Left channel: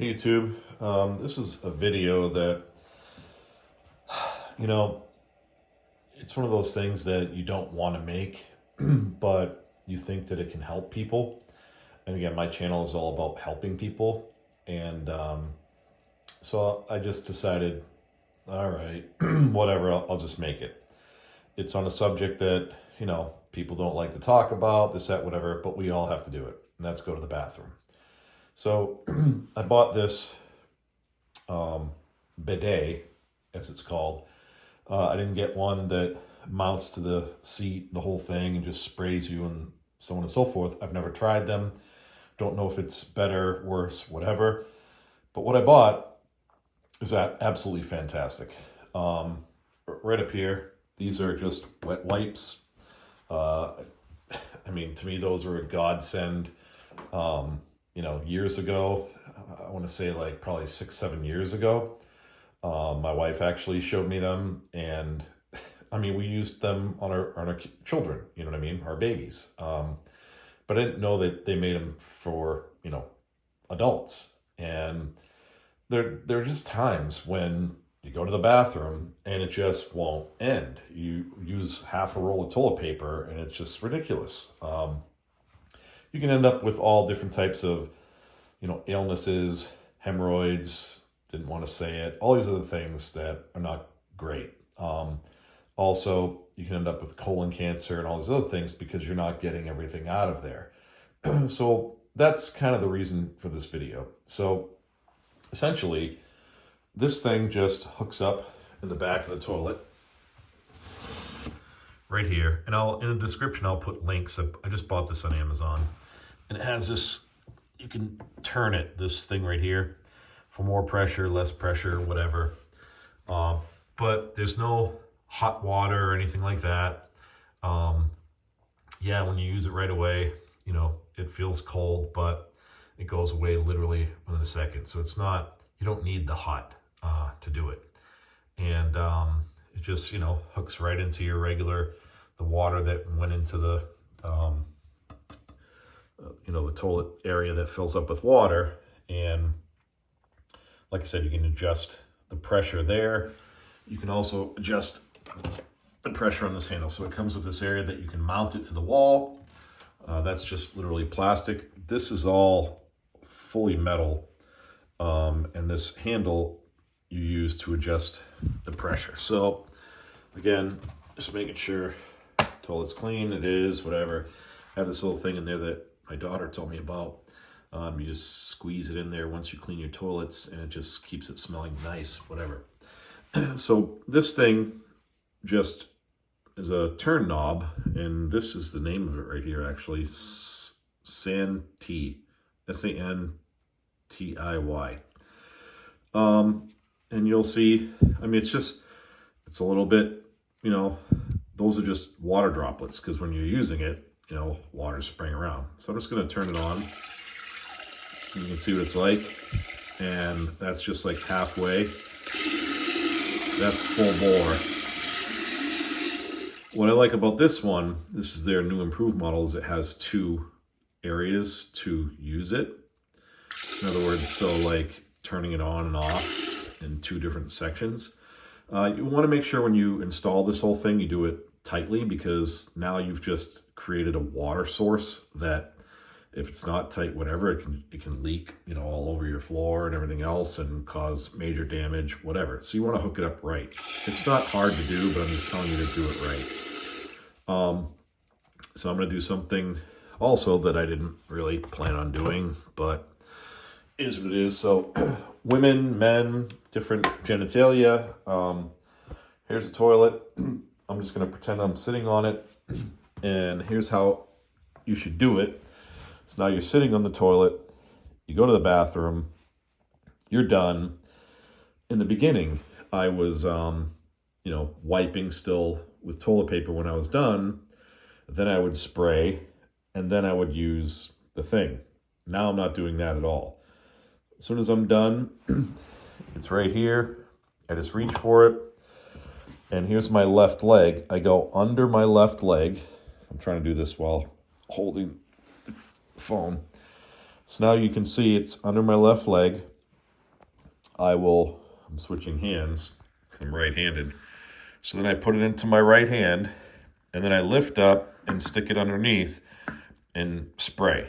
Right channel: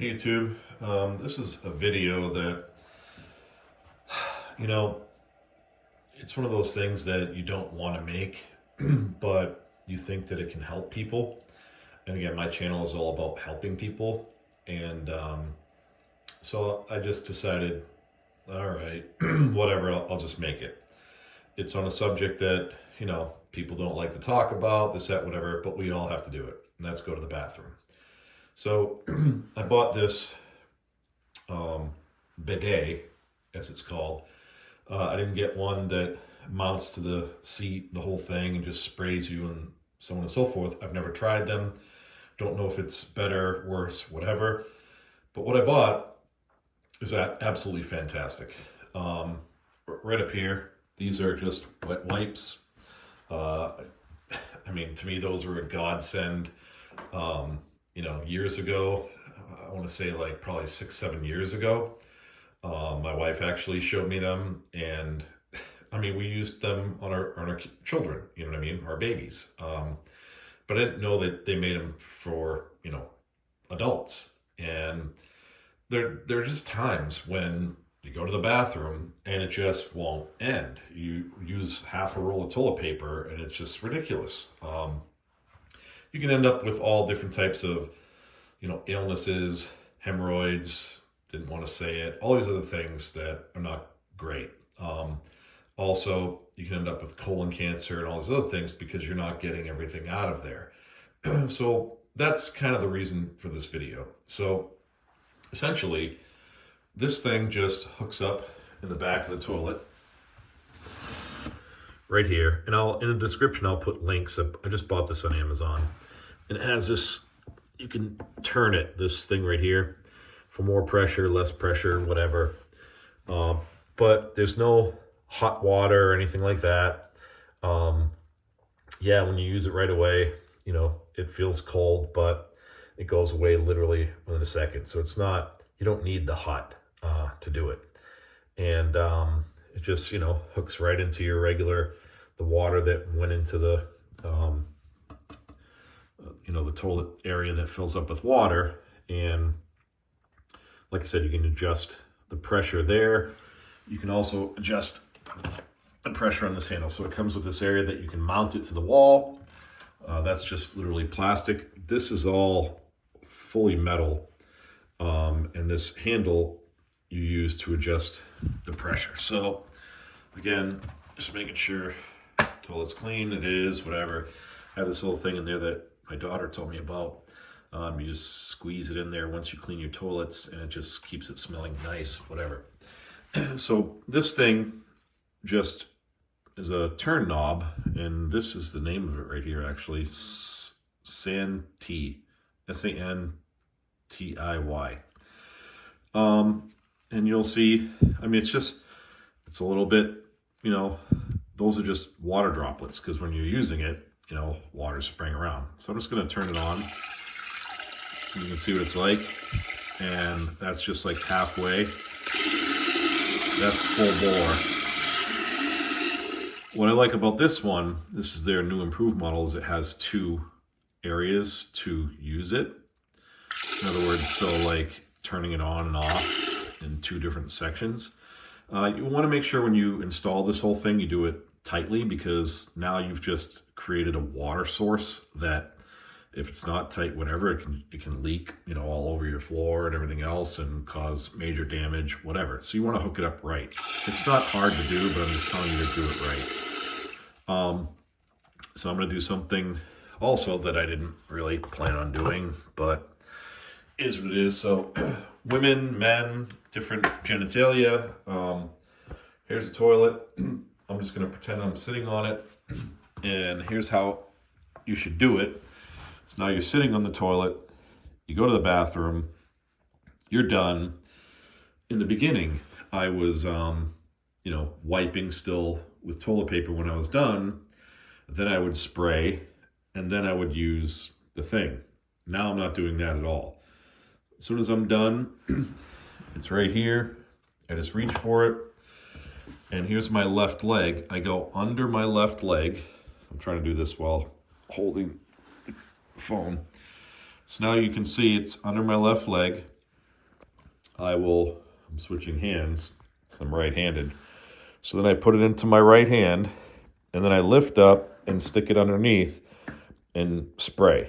Hey YouTube, this is a video that, you know, it's one of those things that you don't want to make, but you think that it can help people. And again, my channel is all about helping people. And so I just decided, all right, whatever, I'll just make it. It's on a subject that, people don't like to talk about, this, that, whatever, but we all have to do it. And that's go to the bathroom. So I bought this bidet, as it's called. I didn't get one that mounts to the seat, the whole thing, and just sprays you and so on and so forth. I've never tried them. Don't know if it's better, worse, whatever. But what I bought is absolutely fantastic. Right up here, these are just wet wipes. To me, those were a godsend. Years ago, I want to say like probably 6-7 years ago, my wife actually showed me them, and we used them on our children, our babies. But I didn't know that they made them for, adults. And there are just times when you go to the bathroom and it just won't end. You use half a roll of toilet paper and it's just ridiculous. You can end up with all different types of, illnesses, hemorrhoids, didn't want to say it, all these other things that are not great. Also, you can end up with colon cancer and all these other things because you're not getting everything out of there. So that's kind of the reason for this video. So essentially, this thing just hooks up in the back of the toilet right here. And in the description, I'll put links. I just bought this on Amazon. And it has this, you can turn it, this thing right here, for more pressure, less pressure, whatever. But there's no hot water or anything like that. When you use it right away, it feels cold, but it goes away literally within a second. So it's not, you don't need the hot to do it. And it just, hooks right into your the water that went into the toilet area that fills up with water. And like I said, you can adjust the pressure there. You can also adjust the pressure on this handle. So it comes with this area that you can mount it to the wall. That's just literally plastic. This is all fully metal. And this handle you use to adjust the pressure. So again, just making sure toilet's clean. It is, whatever. I have this little thing in there that my daughter told me about. You just squeeze it in there once you clean your toilets, and it just keeps it smelling nice, whatever. So this thing just is a turn knob, and this is the name of it right here, actually. Santiy, S-A-N-T-I-Y. And you'll see, it's a little bit, those are just water droplets, because when you're using it, water's spraying around. So I'm just going to turn it on. You can see what it's like. And that's just like halfway. That's full bore. What I like about this one, this is their new improved model, is it has 2 areas to use it. In other words, so like turning it on and off in 2 different sections. You want to make sure when you install this whole thing, you do it tightly, because now you've just created a water source that if it's not tight, whatever, it can leak, all over your floor and everything else and cause major damage, whatever. So you want to hook it up right. It's not hard to do, but I'm just telling you to do it right. So I'm going to do something also that I didn't really plan on doing, but it is what it is. So women, men, different genitalia. Here's the toilet. I'm just going to pretend I'm sitting on it. And here's how you should do it. So now you're sitting on the toilet. You go to the bathroom. You're done. In the beginning, I was, wiping still with toilet paper when I was done. Then I would spray, and then I would use the thing. Now I'm not doing that at all. As soon as I'm done, it's right here. I just reach for it. And here's my left leg. I go under my left leg. I'm trying to do this while holding the phone. So now you can see it's under my left leg. I'm switching hands because I'm right-handed. So then I put it into my right hand, and then I lift up and stick it underneath and spray.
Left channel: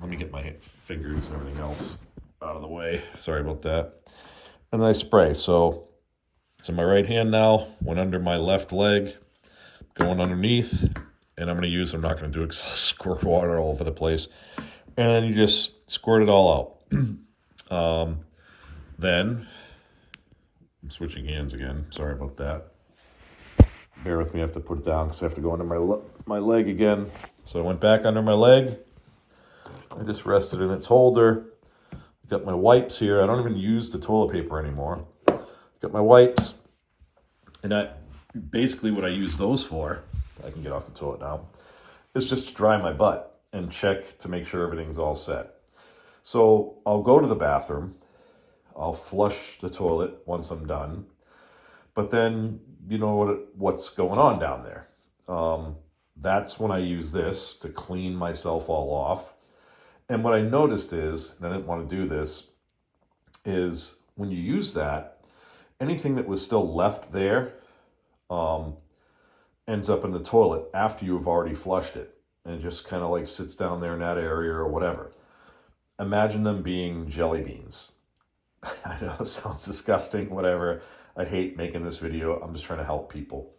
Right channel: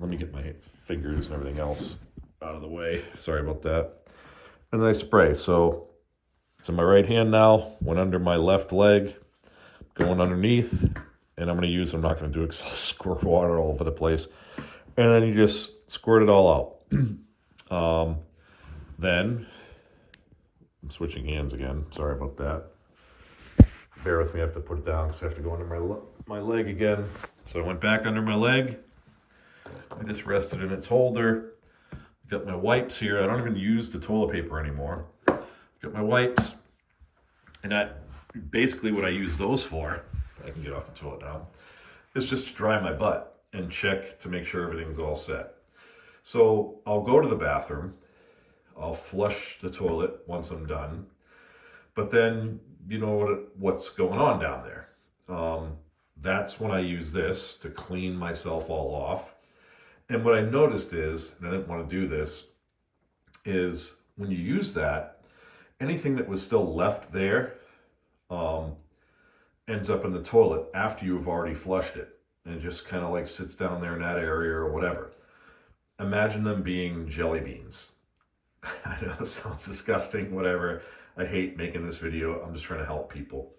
Let me get my fingers and everything else out of the way. Sorry about that. And then I spray. So it's in my right hand now, went under my left leg, going underneath, and I'm not going to do it because I'll squirt water all over the place. And then you just squirt it all out. Then, I'm switching hands again. Sorry about that. Bear with me, I have to put it down because I have to go under my leg again. So I went back under my leg. I just rested in its holder. Got my wipes here. I don't even use the toilet paper anymore. Got my wipes. And basically what I use those for, I can get off the toilet now, is just to dry my butt and check to make sure everything's all set. So I'll go to the bathroom. I'll flush the toilet once I'm done. But then, you know what's going on down there. That's when I use this to clean myself all off. And what I noticed is, and I didn't want to do this, is when you use that, anything that was still left there ends up in the toilet after you've already flushed it. And it just kind of like sits down there in that area or whatever. Imagine them being jelly beans. I know it sounds disgusting, whatever. I hate making this video. I'm just trying to help people.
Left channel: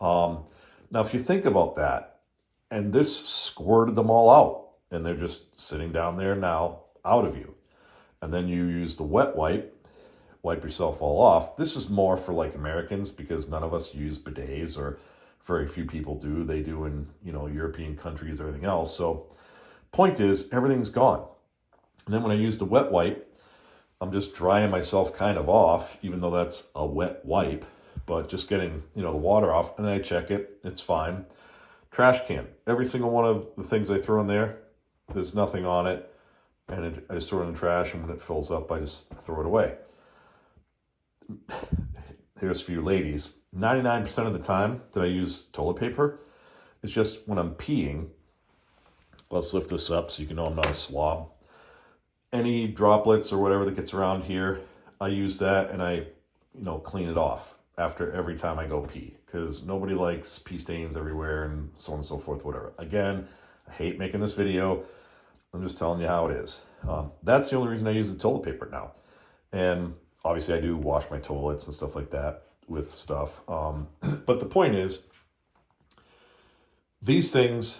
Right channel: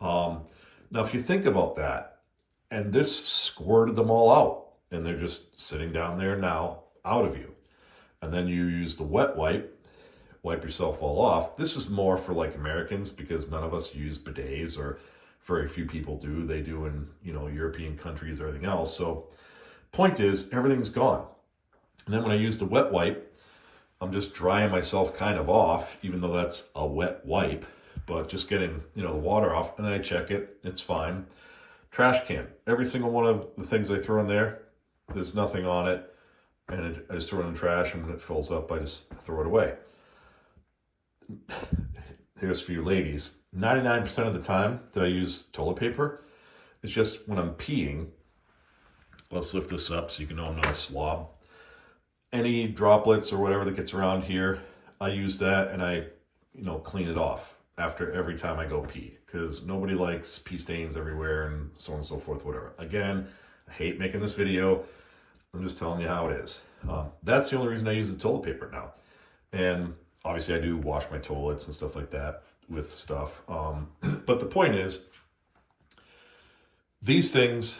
Now, if you think about that, and this squirted them all out, and they're just sitting down there now, out of you. And then you use the wet wipe yourself all off. This is more for like Americans because none of us use bidets, or very few people do. They do in, European countries, everything else. So point is, everything's gone. And then when I use the wet wipe, I'm just drying myself kind of off, even though that's a wet wipe, but just getting, the water off, and then I check it, it's fine. Trash can, every single one of the things I throw in there, there's nothing on it, and I just throw it in the trash, and when it fills up, I just throw it away. Here's for you ladies, 99% of the time that I use toilet paper, it's just when I'm peeing. Let's lift this up so you can know I'm not a slob. Any droplets or whatever that gets around here, I use that and I, clean it off after every time I go pee, because nobody likes pee stains everywhere and so on and so forth, whatever. Again, I hate making this video. I'm just telling you how it is. That's the only reason I use the toilet paper now. And obviously I do wash my toilets and stuff like that with stuff. But the point is, these things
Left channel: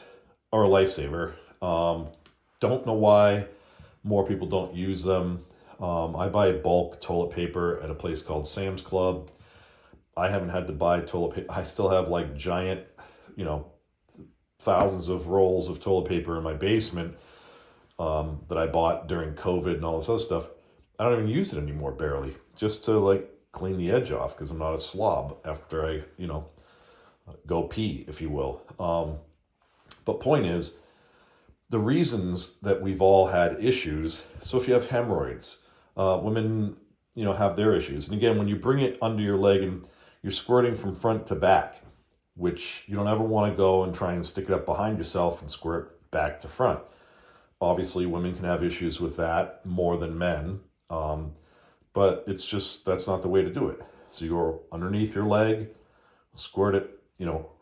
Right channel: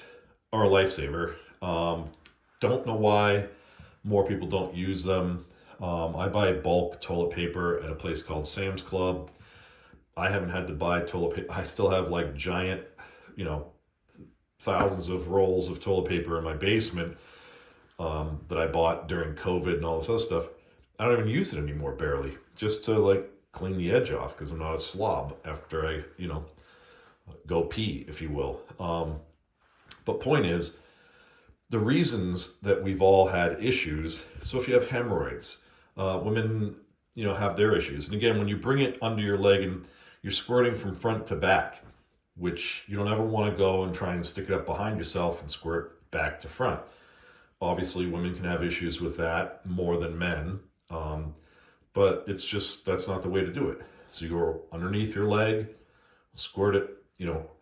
are a lifesaver. Don't know why more people don't use them. I buy bulk toilet paper at a place called Sam's Club. I haven't had to buy toilet paper. I still have like giant, thousands of rolls of toilet paper in my basement that I bought during COVID and all this other stuff. I don't even use it anymore, barely, just to like clean the edge off because I'm not a slob after I, go pee, if you will. But point is, the reasons that we've all had issues. So if you have hemorrhoids, women, have their issues. And again, when you bring it under your leg and you're squirting from front to back, which you don't ever want to go and try and stick it up behind yourself and squirt back to front. Obviously, women can have issues with that more than men. But it's just, that's not the way to do it. So you go underneath your leg, squirt it,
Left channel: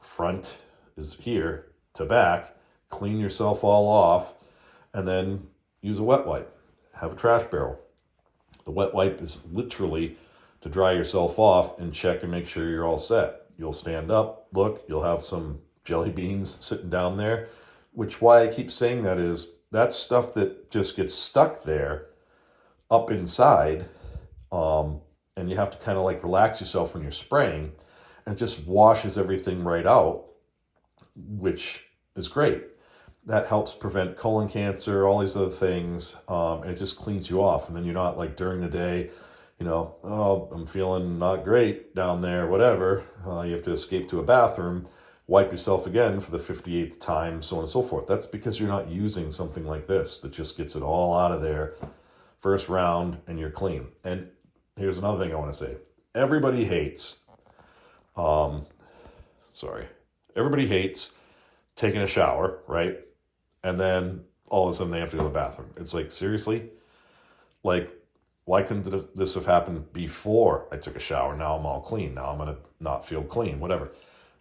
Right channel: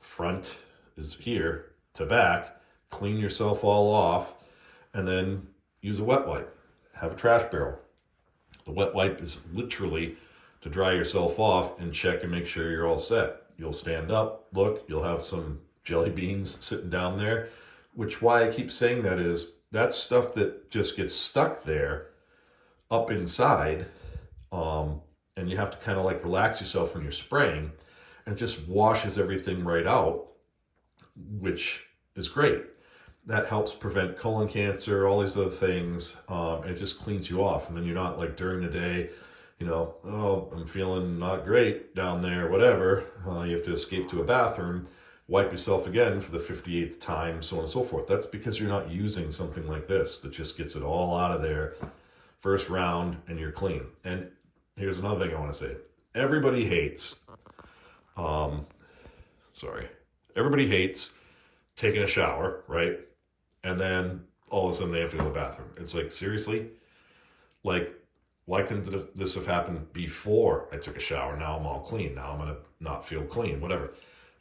front is here to back, clean yourself all off, and then use a wet wipe. Have a trash barrel. The wet wipe is literally to dry yourself off and check and make sure you're all set. You'll stand up, look, you'll have some jelly beans sitting down there, which why I keep saying that is that's stuff that just gets stuck there up inside, and you have to kind of like relax yourself when you're spraying, and it just washes everything right out, which is great. That helps prevent colon cancer, all these other things, and it just cleans you off. And then you're not like during the day, oh, I'm feeling not great down there, whatever. You have to escape to a bathroom, wipe yourself again for the 58th time, so on and so forth. That's because you're not using something like this that just gets it all out of there first round and you're clean. And here's another thing I want to say. Everybody hates, everybody hates taking a shower, right? And then all of a sudden they have to go to the bathroom. It's like, seriously? Like, Why couldn't this have happened before I took a shower? Now I'm all clean. Now I'm going to not feel clean, whatever.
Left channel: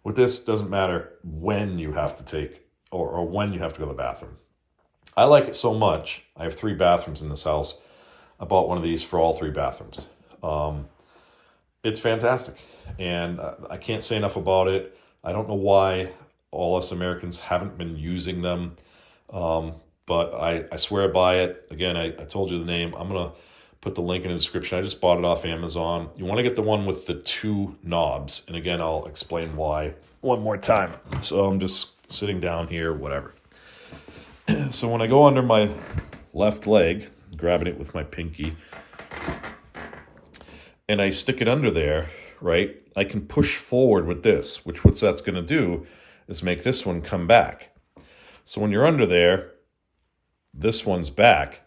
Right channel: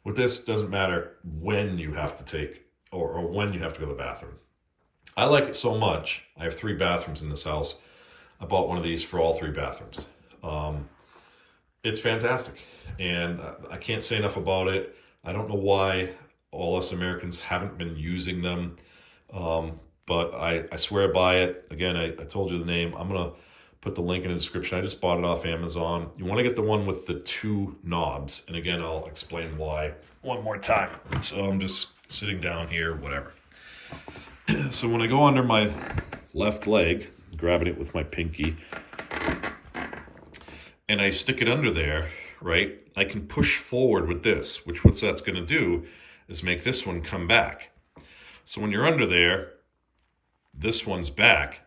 With this, doesn't matter when you have to take or when you have to go to the bathroom. I like it so much. I have 3 bathrooms in this house. I bought one of these for all 3 bathrooms. It's fantastic. And I can't say enough about it. I don't know why all us Americans haven't been using them. But I swear by it. Again, I told you the name. I'm going to put the link in the description. I just bought it off Amazon. You want to get the one with the 2 knobs. And again, I'll explain why one more time. So I'm just sitting down here, whatever. So when I go under my left leg, grabbing it with my pinky, and I stick it under there, right, I can push forward with this, which what that's going to do is make this one come back. So when you're under there, this one's back,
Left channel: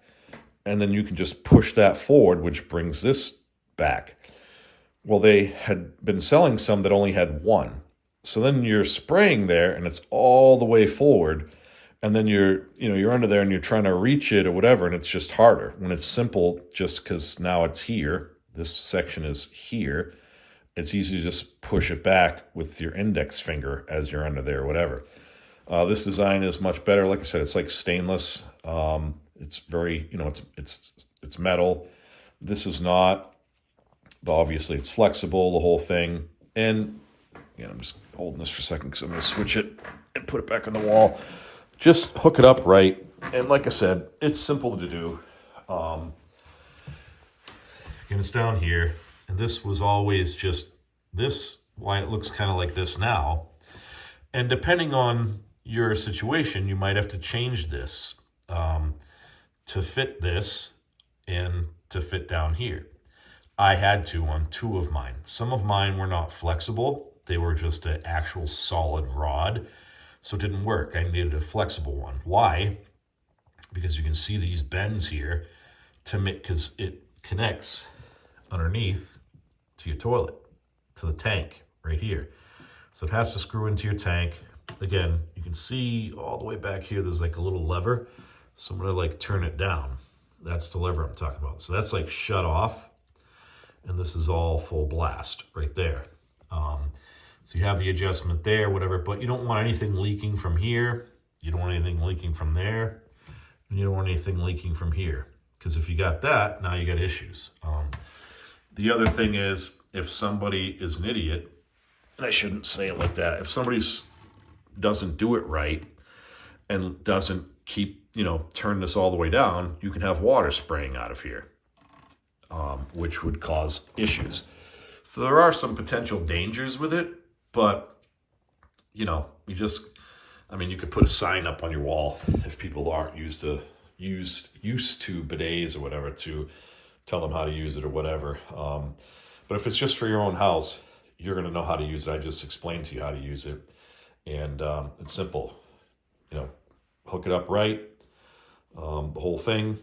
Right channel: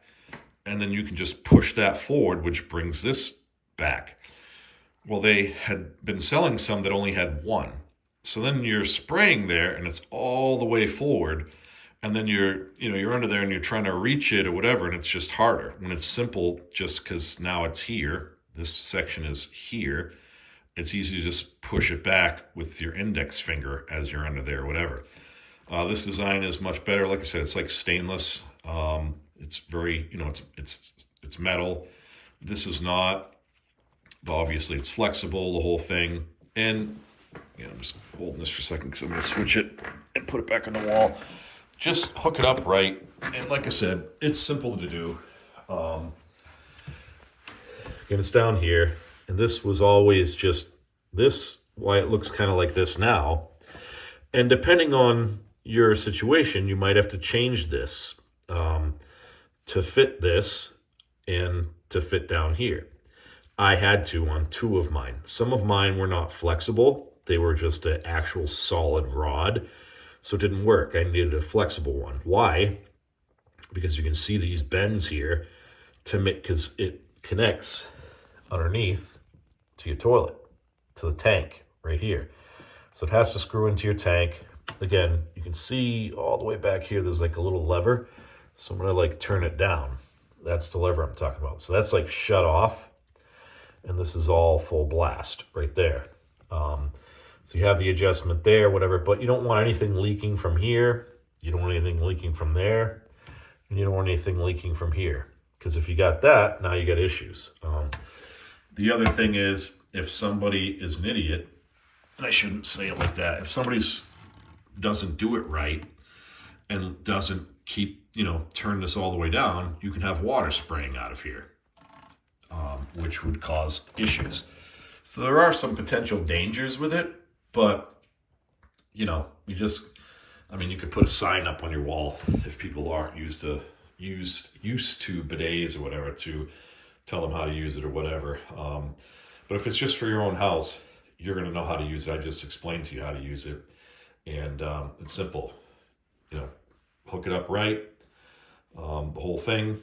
and then you can just push that forward, which brings this back. Well, they had been selling some that only had 1. So then you're spraying there, and it's all the way forward, and then you're under there and you're trying to reach it or whatever, and it's just harder. When it's simple, just because now it's here, this section is here, it's easy to just push it back with your index finger as you're under there or whatever. This design is much better. Like I said, it's like stainless. It's very, it's metal. This is not. Obviously, it's flexible, the whole thing. And I'm just holding this for a second because I'm going to switch it and put it back on the wall. Just hook it up right. And like I said, it's simple to do. Again, it's down here. And this was always just this, why it looks kind of like this now. And depending on your situation, you might have to change this to fit this and to fit down here. I had to on 2 of mine. Some of mine were not flexible. They were just an actual solid rod. So it didn't work. I needed a flexible one. Why? Because you can see these bends here because it connects underneath to your toilet, to the tank right here. So it has to screw into your tank. Again, you can see all the way back here, there's like a little lever. So I'm going to like turn it down. That's the lever I'm talking about. So that's like shut off. And this is all full blast right there. So you have the adjustment there, whatever, but you don't want anything leaking from here. You don't want anything leaking from there. And you don't want anything leaking from here. Because if you got that, now you got issues. The other thing is, if somebody is an idiot, and I shouldn't say it like that, if somebody doesn't do it right and doesn't keep, turn this all the way down, you can have water spraying out of here, which would cause issues. So there are some potential dangers with it, but, you could put a sign up on your wall if people aren't used to bidets or whatever to tell them how to use it or whatever. But if it's just for your own house, you're going to know how to use it. I just explained to you how to use it. And it's simple. Hook it up right, the whole thing,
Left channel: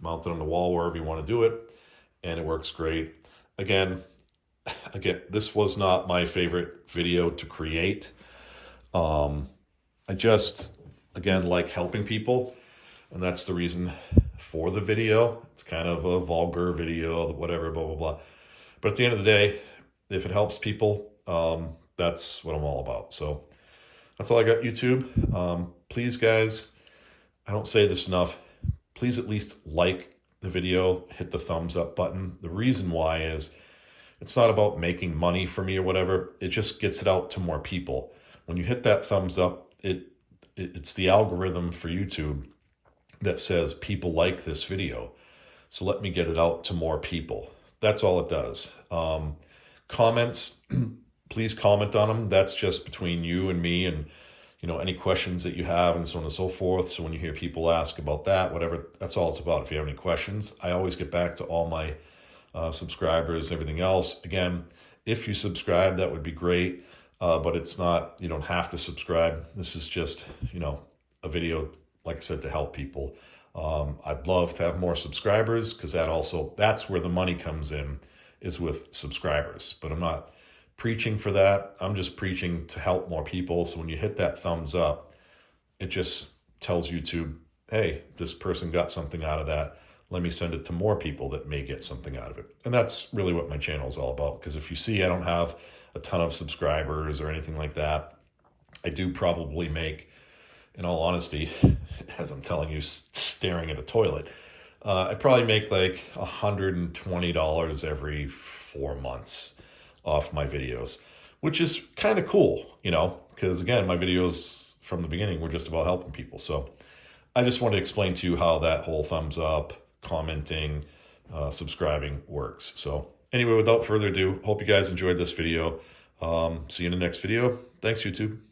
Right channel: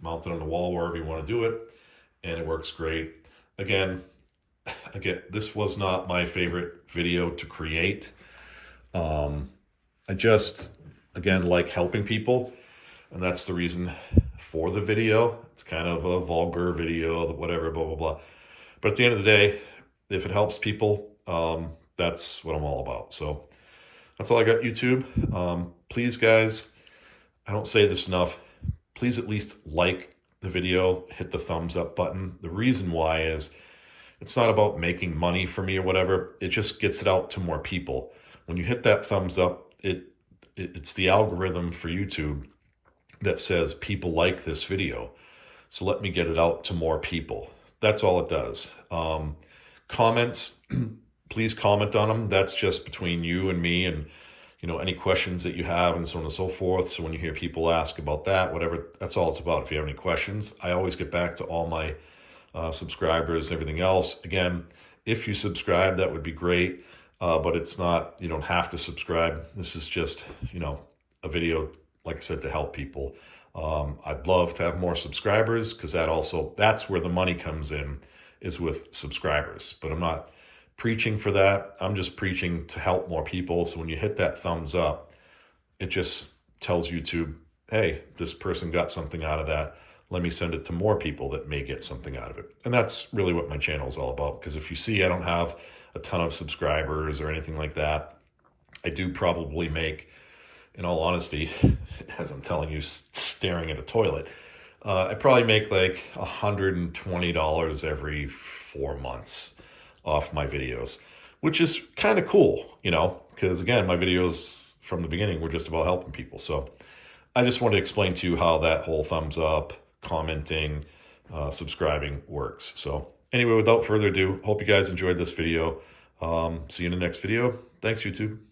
mount it on the wall wherever you want to do it, and it works great. Again, this was not my favorite video to create. I just, again, like helping people, and that's the reason for the video. It's kind of a vulgar video, whatever, blah, blah, blah. But at the end of the day, if it helps people, that's what I'm all about. So that's all I got, YouTube. Please, guys, I don't say this enough. Please at least like the video, hit the thumbs up button. The reason why is it's not about making money for me or whatever. It just gets it out to more people. When you hit that thumbs up, it's the algorithm for YouTube that says people like this video. So let me get it out to more people. That's all it does. Comments, please comment on them. That's just between you and me, and any questions that you have and so on and so forth. So when you hear people ask about that, whatever, that's all it's about. If you have any questions, I always get back to all my subscribers, everything else. Again, if you subscribe, that would be great. But it's not, you don't have to subscribe. This is just, a video, like I said, to help people. I'd love to have more subscribers, because that's where the money comes in, is with subscribers. But I'm not preaching for that. I'm just preaching to help more people. So when you hit that thumbs up, it just tells YouTube, hey, this person got something out of that. let me send it to more people that may get something out of it. And that's really what my channel is all about. Because if you see, I don't have a ton of subscribers or anything like that. I do probably make, in all honesty, as I'm telling you, staring at a toilet, I probably make like $120 every 4 months off my videos, which is kind of cool, you know, because again, my videos from the beginning were just about helping people. So I just wanted to explain to you how that whole thumbs up, commenting, subscribing works. So anyway, without further ado, hope you guys enjoyed this video. See you in the next video. Thanks, YouTube.